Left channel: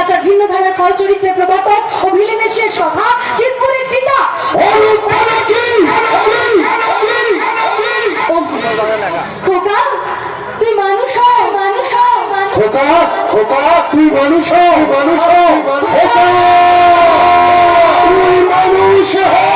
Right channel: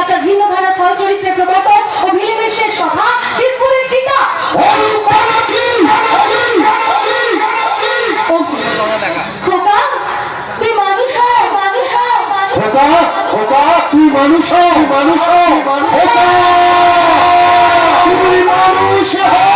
একটা ভিন্ন ধারার খল চরিত্রের প্রবর্তক ও ভিলেনের শেষ কথা চিতপুরের চিতা। মানুষ হও মানুষ হও খোকা খোকা তুই মানুষ হও মানুষ মানুষ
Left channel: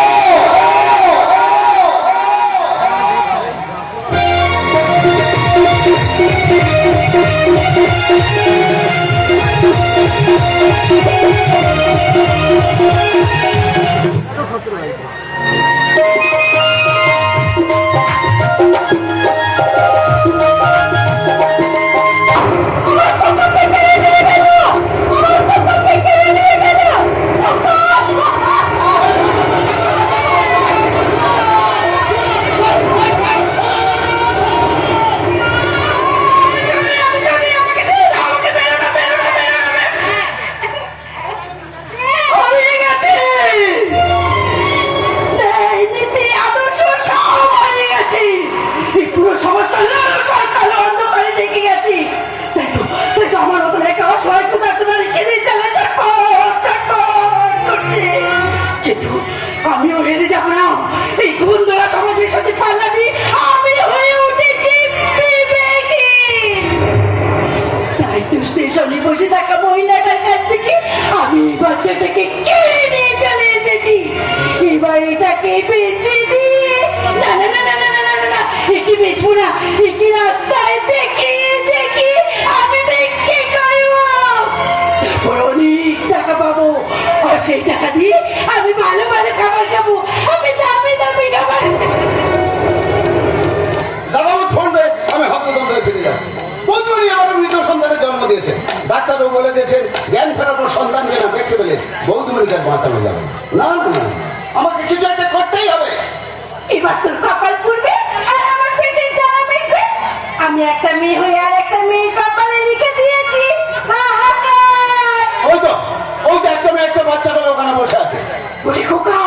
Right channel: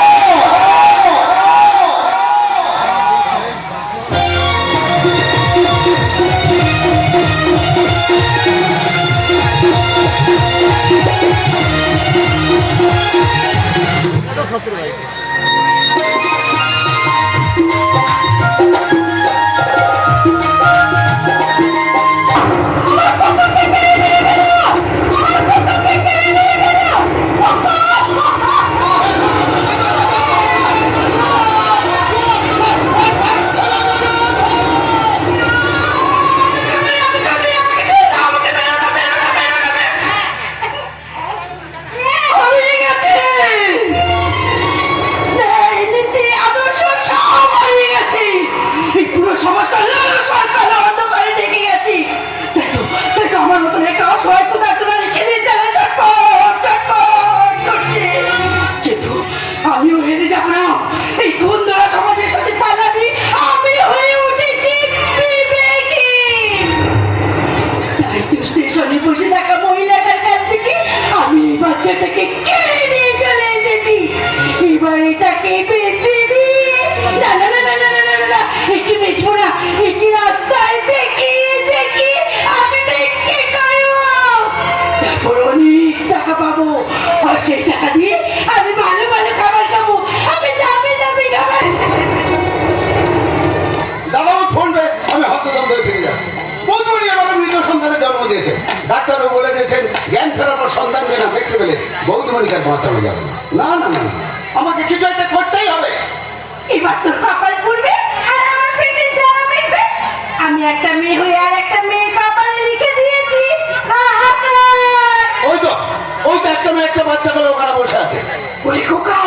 একটা বাচ্চা ওখানে বসে আছে। বলি খোকা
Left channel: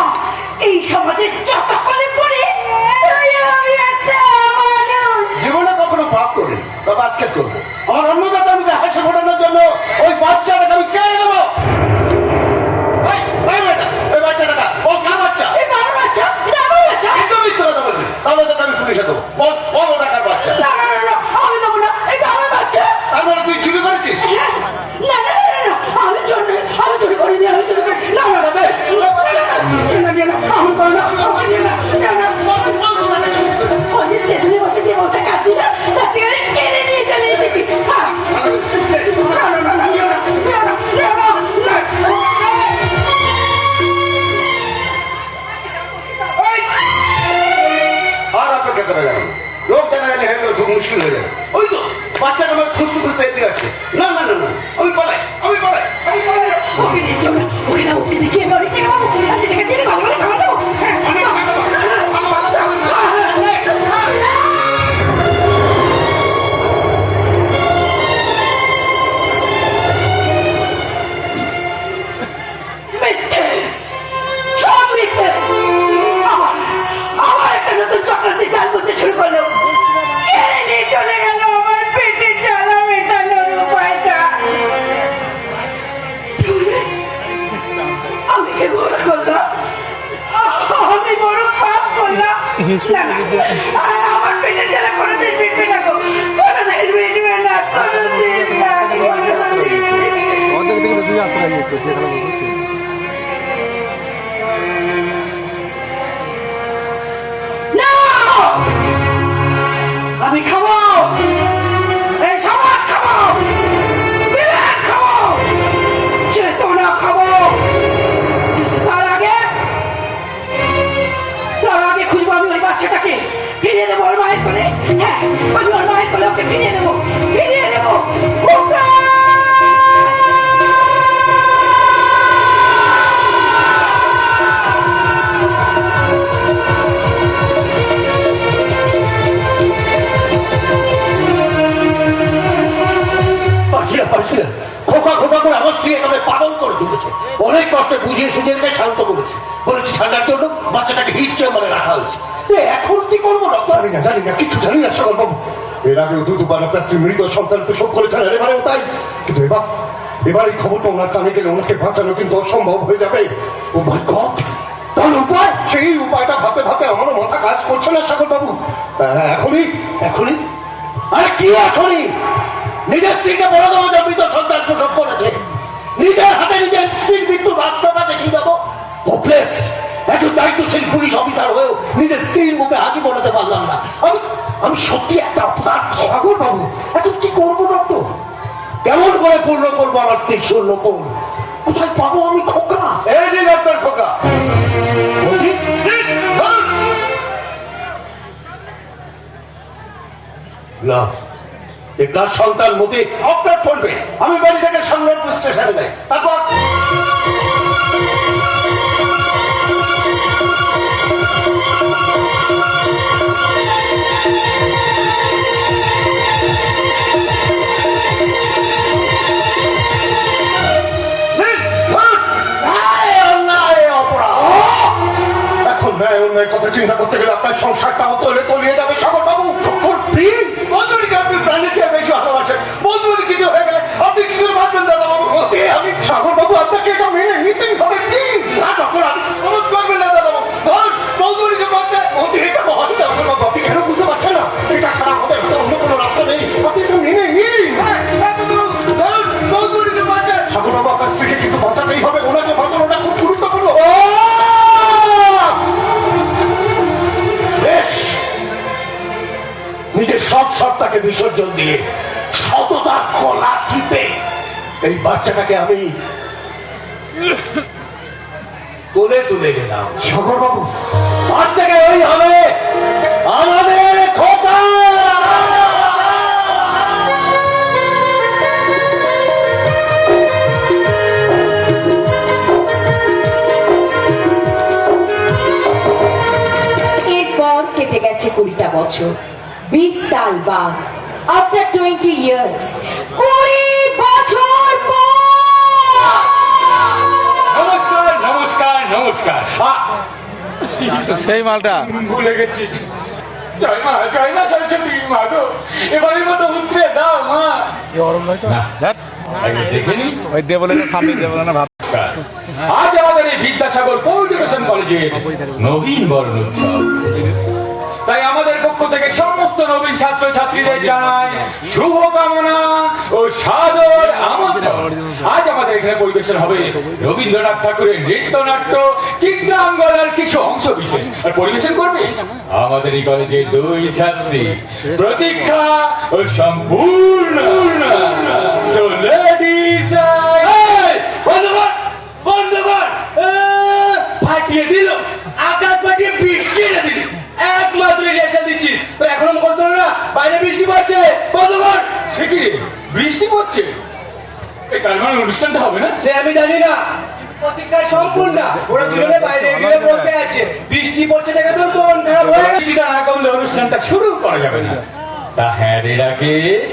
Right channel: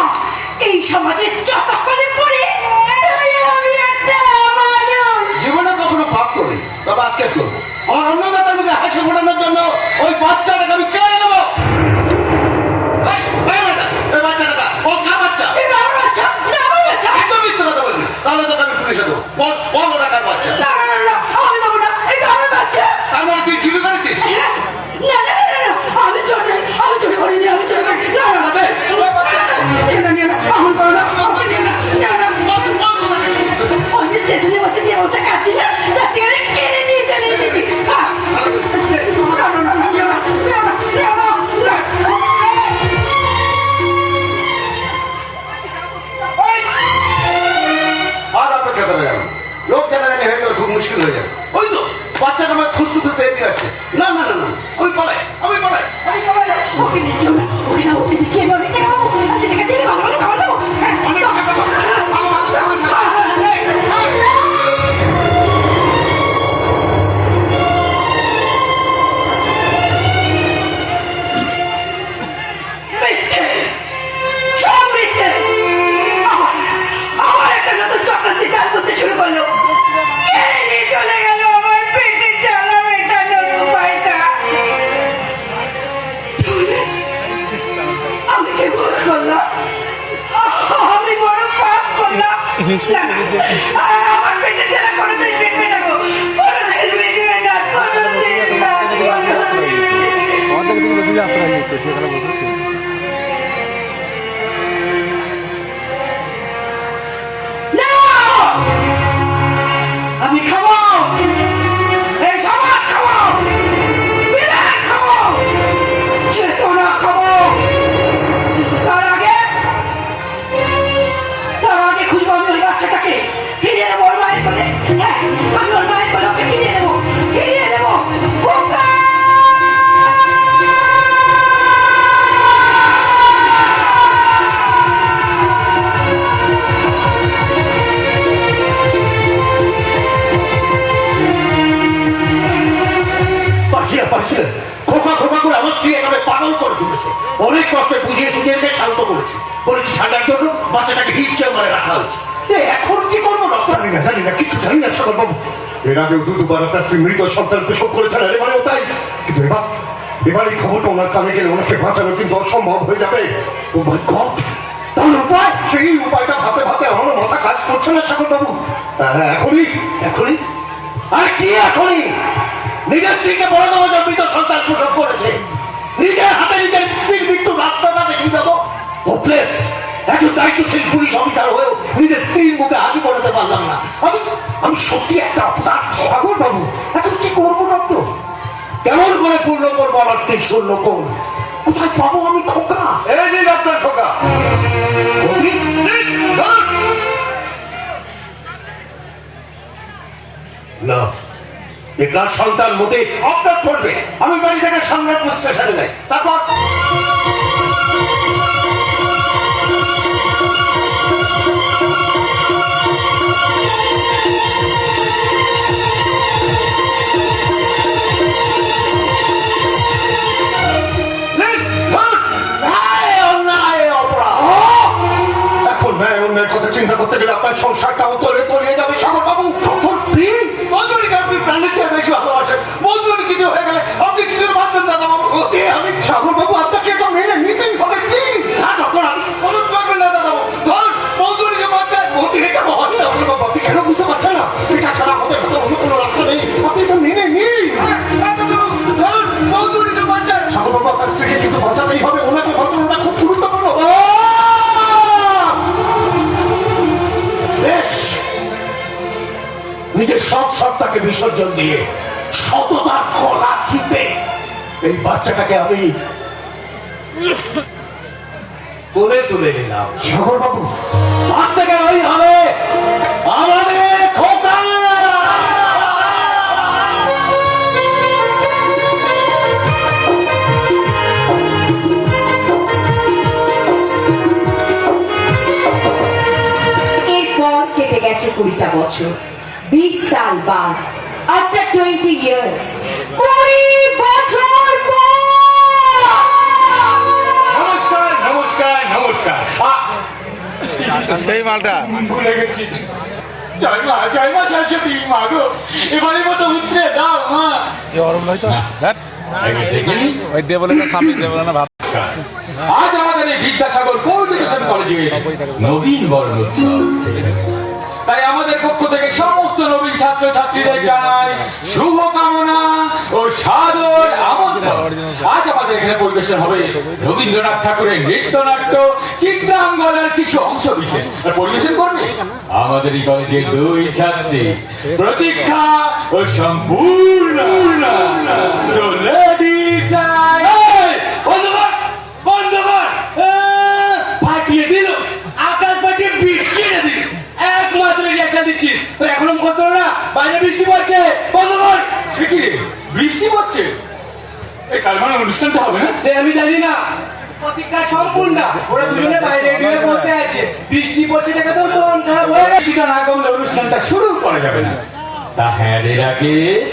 এই সমাজে কখনো পাপ করি তবে আজকে করব। আমার অন্নদাতা হাসি ফোটানোর জন্য ওই বাচ্চাটাকে আমি কেন pues déjalo. অনেক কষ্টে বুঝিয়ে সুঝিয়ে আমি শান্ত করেছি বলেছি, ঠান্ডার জন্য বাচ্চাটাকে হিটচার মানে রাখা হয়েছে। এখন কি করব জানি না জানি না কিছু জানি না সকল বাবু। এর আগেও দু দুবার আপনার স্ত্রী মৃত সন্তানকে শোধ করেছেন এবারেও তাই। কিন্তু এবার এবার এই খবরটা ওনার কানে গেলে ওনাকে বাঁচানো কিন্তু অসম্ভব হয়ে যাবে। Oh my god! তাহলে উপায়? সেই উপায়টা ভাতে ভাতে আমারও মাথা কাজ করছে না সকল বাবু। হ্যাঁ, হ্যাঁ এখনই এখনই। আর কি এখনই? নিজের স্ত্রীকে বড় দেওয়া যে মৃত সন্তান প্রসব করেছে। নিজের হাতে নিজের স্ত্রীর মৃত্যুর রাস্তাটা দেখি হোপলেস একজন দায়িত্বশীল পুলিশ অফিসার হয়েও নিজের স্ত্রীর মুখে হাজি পড়াতে পারলাম না। আমি আমি সত্যি একটা অপরাধ সাগর বাবু এখন কি করব ডক্টর? কেমন করে পূর্ণ করব আমার স্ত্রীর শূন্য কোন কোথায় পাবো আমি খোকা? এই যে ডাক্তার খোকা। না এ তার সন্তান মোটে অপরাধ করবে। আমি বাড়ি থেকে সম্রাট স্টেশনে যাই। তারপর কথা চিন্তা করতে গেলে আপনার সংসারটা তলে তলিয়ে যাবে সাগর বাবু প্লিজ 让你爹没车，多少钱？সত্তাকে বিসর্জন দিয়ে সততার গলা টিপে এই বাচ্চাটাকে আমি তুলে তুলে নিলাম। সাগর বাবু আজ থেকে ওই হবে আমাদের কুড়িটা বছর। বিশ সাল বাদ আফটার টোয়েন্টি ইয়ার্স কুড়ি বছর পর। নমস্কার নমস্কার নমস্কার। সেই মালটা। ভুলে গেছি জয় মা জয় মা সরস্বতী মা গো। এবারের মতো উত্তরে দাও মা। আজ আমাদের এই বিদ্যাসাগর নবীন বরণ উৎসব তাই আমাদের পক্ষ থেকে সমস্ত নবীন ছাত্র ছাত্রীদের জানাই শুভ কামনা ও সাদর আমন্ত্রণ। আজ আমাদের এখানে পরিবেশন হবে রবীন্দ্রনাথ ঠাকুরের নৃত্যনাট্য চিত্রাঙ্গনার কিছু অংশ বিশেষ। পরিবেশন করবে আমাদের এই কলেজের দুই ছাত্রী। প্রতীক্ষা ও সম্পূর্ণ। So ladies and বন্ধুগণ বন্ধুগণ আহ, ফাটিয়ে দিল আকাশ ফাটিয়ে বৃষ্টি এনে দিল একমাত্র রিয়াকশন দিচ্ছিস তো এখনও মুখস্থ হলো না বাইরে বৃষ্টি পড়ছে বন্ধুগণ সে কি রে? বৃষ্টি পড়ছে এই তার মানে অনুষ্ঠানটা হবে না? সে আমি জানি না। প্রতীক্ষা সম্পূর্ণ। ওরা দুজনে বাইরে গিয়ে বসে আছে। বৃষ্টি পড়ছে দেখে তো মন খারাপ হয়ে গেছে। না করলে অনুষ্ঠানটা শুরু করা যাবে না। তা হ্যাঁ রে রাকেশ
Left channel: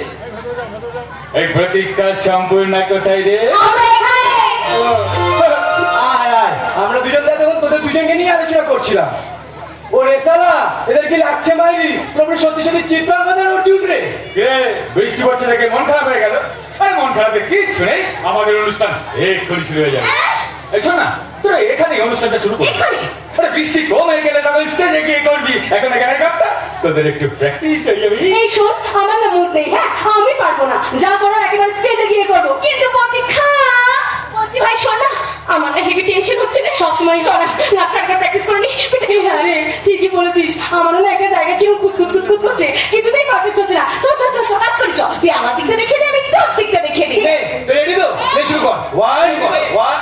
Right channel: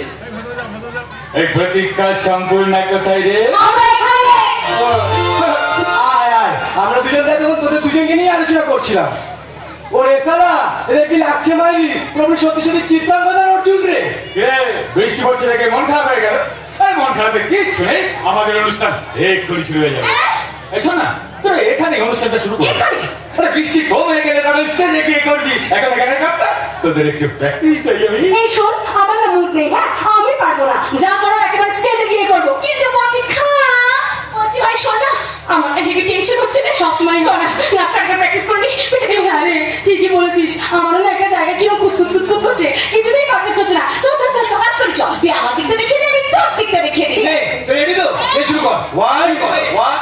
এই প্রতীক্ষা সম্পূর্ণ কোথায় রে? আয় আয়। আমরা দুজন তখন তোদের দুজনকে নিয়ে আলোচনা করছিলাম। ও রে সালা এদের কি লাগছে মাইরি? প্রভু সত্যি সত্যি অর্জুন রে। বৃষ্টি পড়ছে দেখে মন খারাপ হয়ে গেল। আরে মন খারাপের কিচ্ছু নেই। আমাদের অনুষ্ঠান এক্ষুনি শুরু হয়ে যাবে। এই শোন না তোর এখানে অনুষ্ঠানটা শুরু কর? আরে বৃষ্টি কম হয়ে গেলে স্টেজে গিয়ে করবি। এখন এখানে কাপটা। তোদের একটু প্র্যাকটিস হয়ে যাবে। এই শোন আমার না মুড নেই হ্যাঁ? আমি পারব না। যা করার একেবারে স্টেজে গিয়ে করব। কিন্তু প্রতীক্ষা বলছি ভাই শোন না আমার না হেভি টেনশন হচ্ছে না? সবসময় সোনা না নাচটাকে প্র্যাকটিস করলি পেটে হ্যাঁ রে ঠিকই বলেছিস। আমারও না একটা জায়গা কীরকম কুতকুত কুতকুত করছে। কিছুতেই পারফেক্ট হচ্ছে না। চল চল চল চল কাজ করি চল। তুই আমার দিকটা দেখে দে আমি তোর দিকটা দেখে দিই রেডি তো? এই শুরু কর। ওয়ান ওয়ান ওয়ান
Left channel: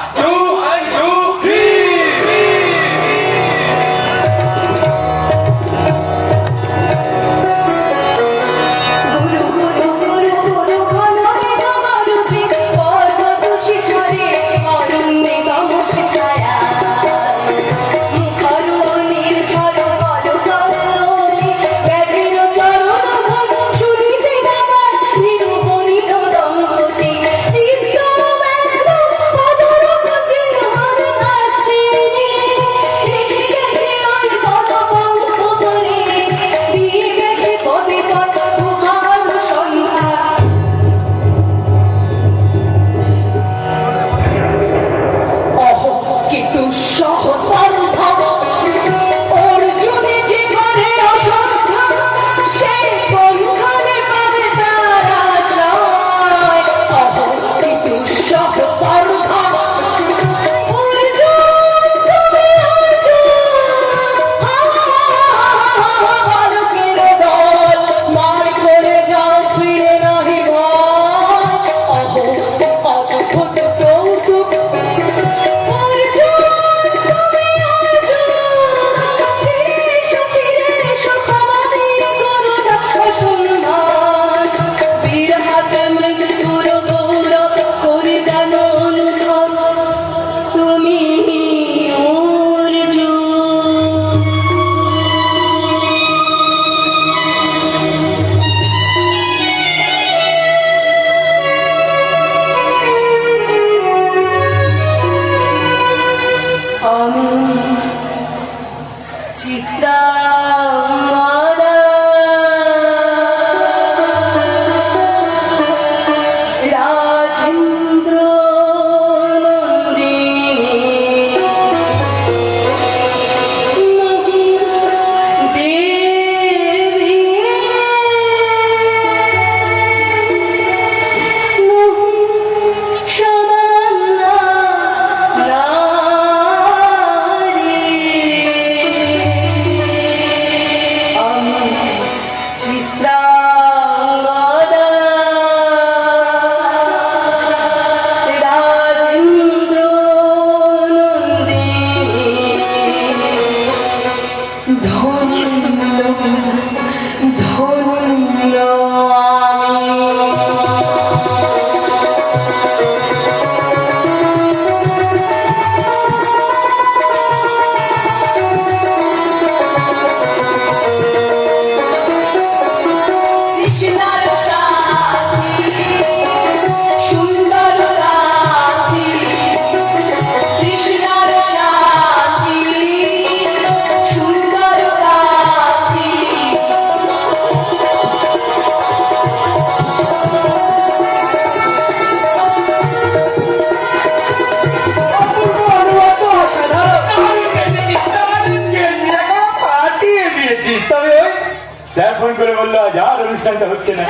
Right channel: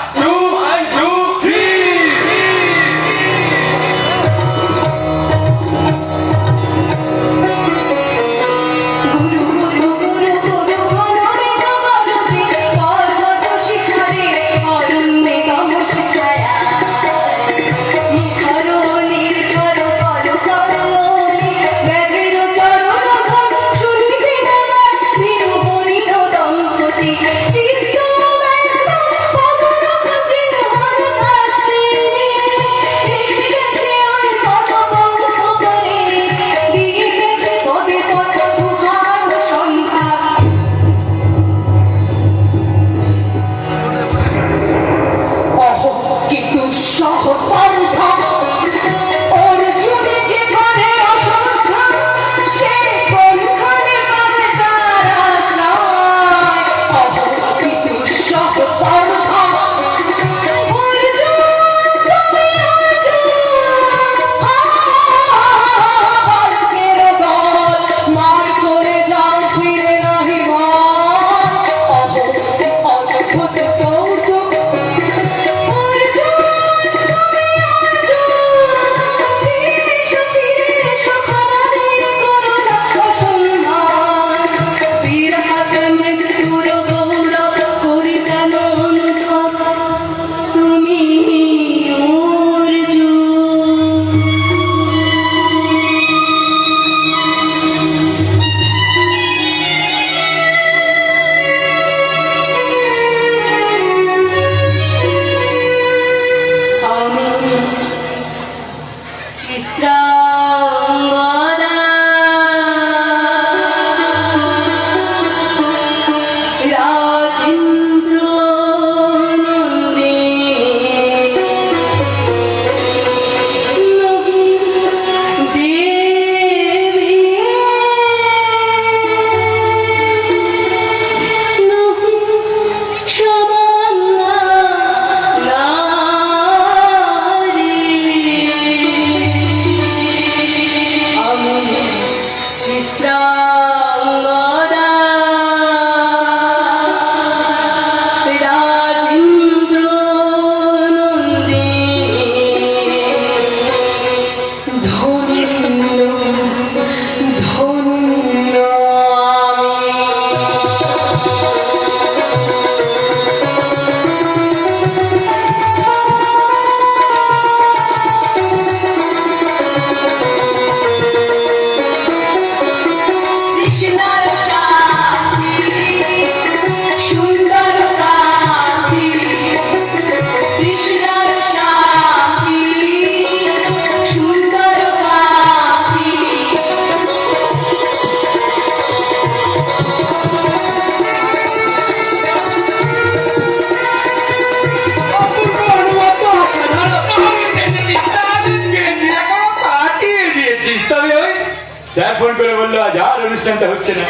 করে বলল আজ আর অনুষ্ঠানটা হচ্ছে না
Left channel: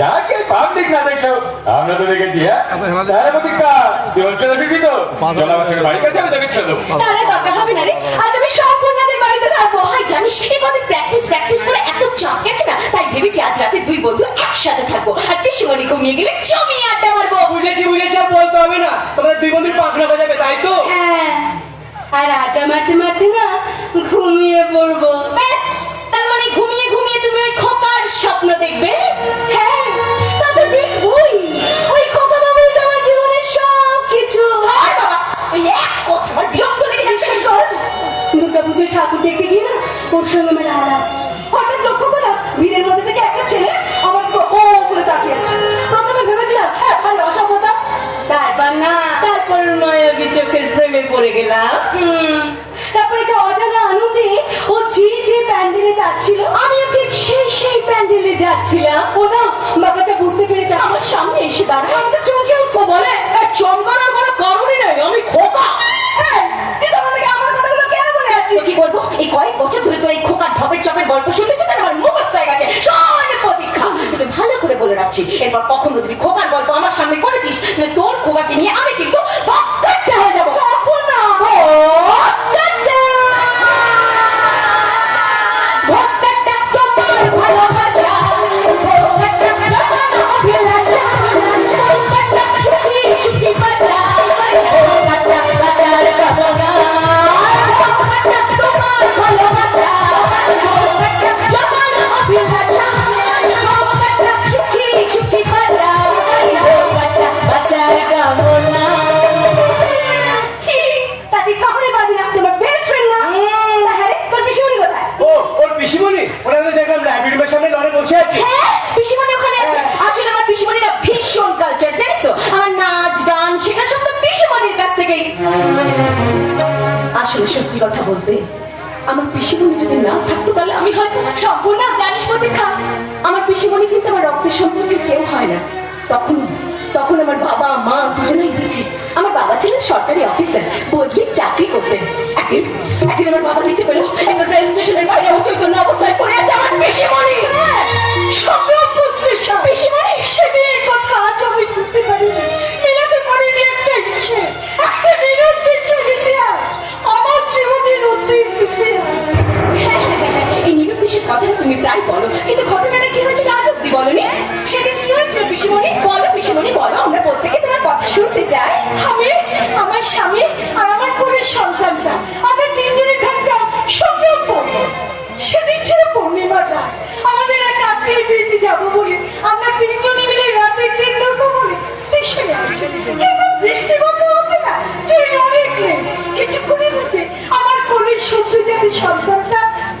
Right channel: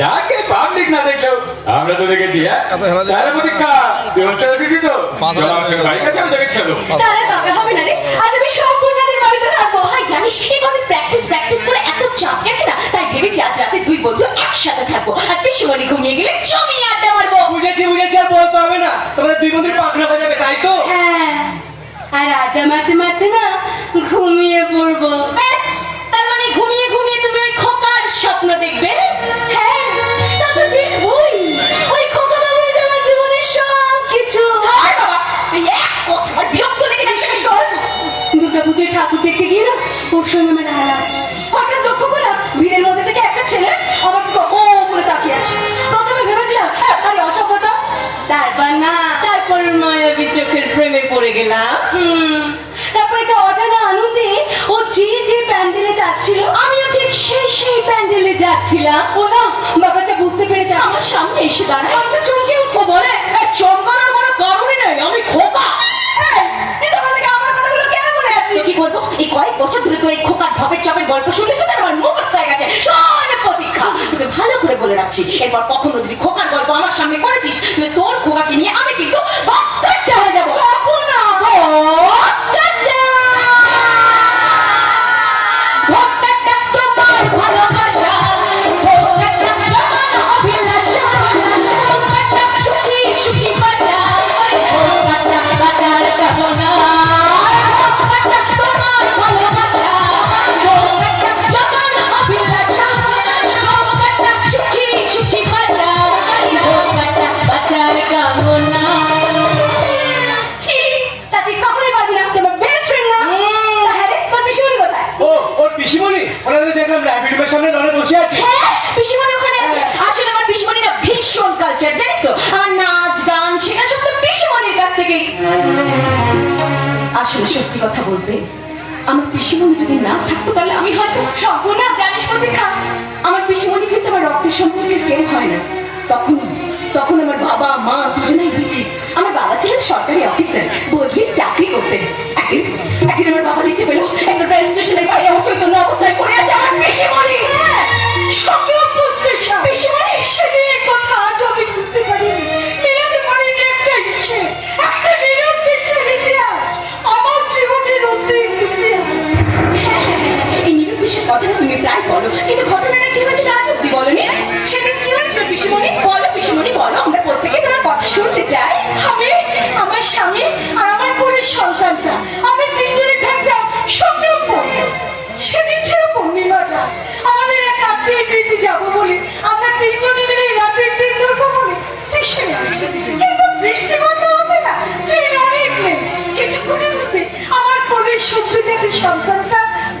যাকে পাবলিক না দেখো আমরা তো দেখেছি হ্যাঁ? তাহলে প্রতীক্ষা তুই অনুষ্ঠানে ফিরবি তো? আমার সঙ্গে বাড়ির কাছে আমি দেখে চলো হবে না রে। আজ আমি সম্পূর্ণদের বাড়িতে থাকব। ভাই জানিস প্র্যাকটিস প্র্যাকটিস করে এত চাপ গেছে না? তাই ভেবেছি আজ রাতে দুই বন্ধু একসাথে থাকব। আর পিসিমণি ঘুমিয়ে গেলে জমিয়ে আড্ডা মারবো। বুঝেছি বুঝেছি আর বলতে হবে না। তোমাদের দুই বন্ধুর বাজাবে তাই তো? হ্যাঁ। আর আড্ডা মারতে মারতে না ঘুমিয়ে পড়ব। ব্যাস, স্বপ্ন দেখবে? হ্যাঁ তবে দেখবই। ওই আমার জীবনের সব কিছু আর বাবা এই এক কথার বিরক্ত লেগে যাচ্ছে শোন দুর্গা পুজোর ঠাকুর দেখতে গিয়ে ওর সঙ্গে আমার হারাম হঠাৎ লক্ষ্য করলাম ভিড়ের মধ্যে থেকে একটা ছেলে আমার দিকে ও করে তাকিয়ে আছে। প্রথমে ভেবেছিলাম "হ্যাঁ, আরে তারপর না। তারপর মায়াবী চোখের প্রেমে পড়ে গেলাম। হুম। প্যান্ডেলে যাচ্ছিল, আমিও ঠিক সেই সেই প্যান্ডেলে যাচ্ছিলাম। ও না ব্যাপারটা বুঝতে পেরেছে আমার সামনে এসে দাঁড়ায়, আমি তো চমকে উঠছে বলে, "এই চমকানোর কোনো কারণই নেই, আমি খোকা। এই কয়েক বছর ধরে এই গল্প শুনেছি আমার হয়ে গেছে। ভালো করে বলে এরপর কখনো গল্প আমার সামনে করেছিস তোর খোকাকে নিয়ে আমি কিন্তু ভক্তটা হয়ে যাব। পিসিমণিরা ভীষণ কালচার জানিস তো? আমার নাচ, গান শেখা সব তো পিসিমণির কাছ থেকেই। আসলে সত্যি কথা বলতে, আমার পিসিমণি যদি না থাকতো, তাহলে আমি হয়তো সম্পূর্ণ জানিস প্রতীক্ষা আমার পিসিমণি কিন্তু আমার রক্তের সম্পর্কে কেউ হয় না। তখন তখন আমার বাবা, মা দুজনেই বেঁচে আমার বাবা ছিলেন সরকারি অফিসার বদলি চাকরি করতেন। একদিন একদিন আমার বাবা নিতে পেল, একটা ট্রেন স্টেশনের বাইরে অচৈতন্য অবস্থায় পড়ে আছে আমার পিসিমণি সংগ্রামপুর কথাটা তুমি প্রায় বলো কিন্তু ঘটনাটা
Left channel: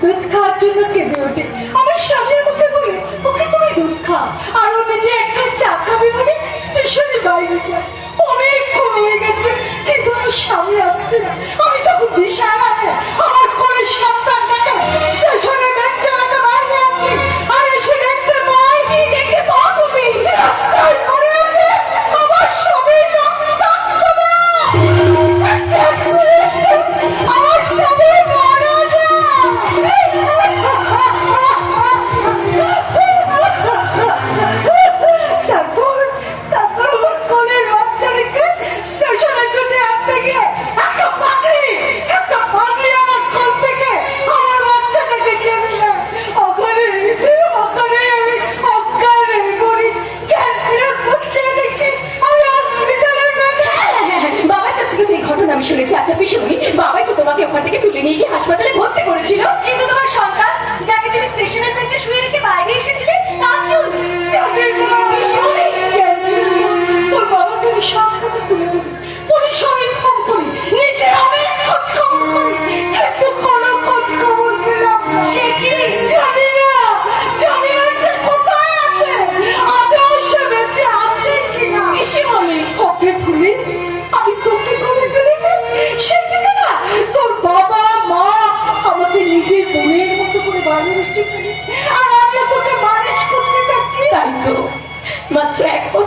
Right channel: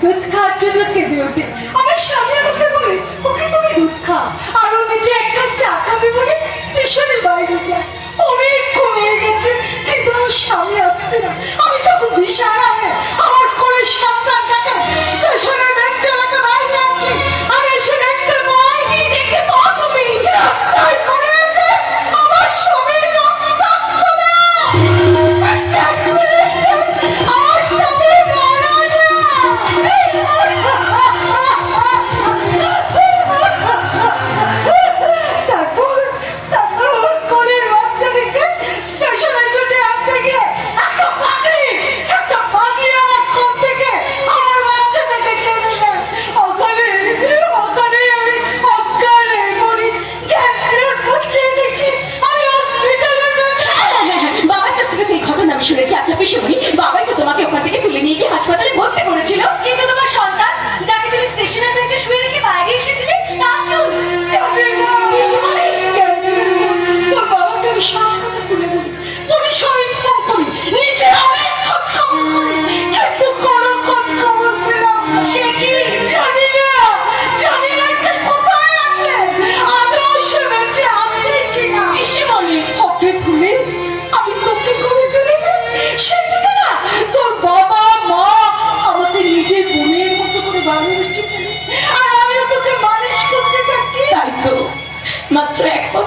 দুধ খাওয়ার জন্য কেঁদে ওঠে। আমার স্বামী আমাকে বলে, ওকে তুমি দুধ খাও। আর ও নিজে এক কাপ চা খাবে বলে স্টেশনে বাইরে যায় অনেক কমে গেছে, কিন্তু আমার স্বামী আসছে না। আমি তখন দিশা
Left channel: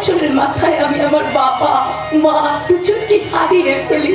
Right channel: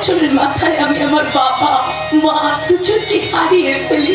বছরের মাথায় আমি আমার বাবা মা দুজনকে হারিয়ে ফেলি।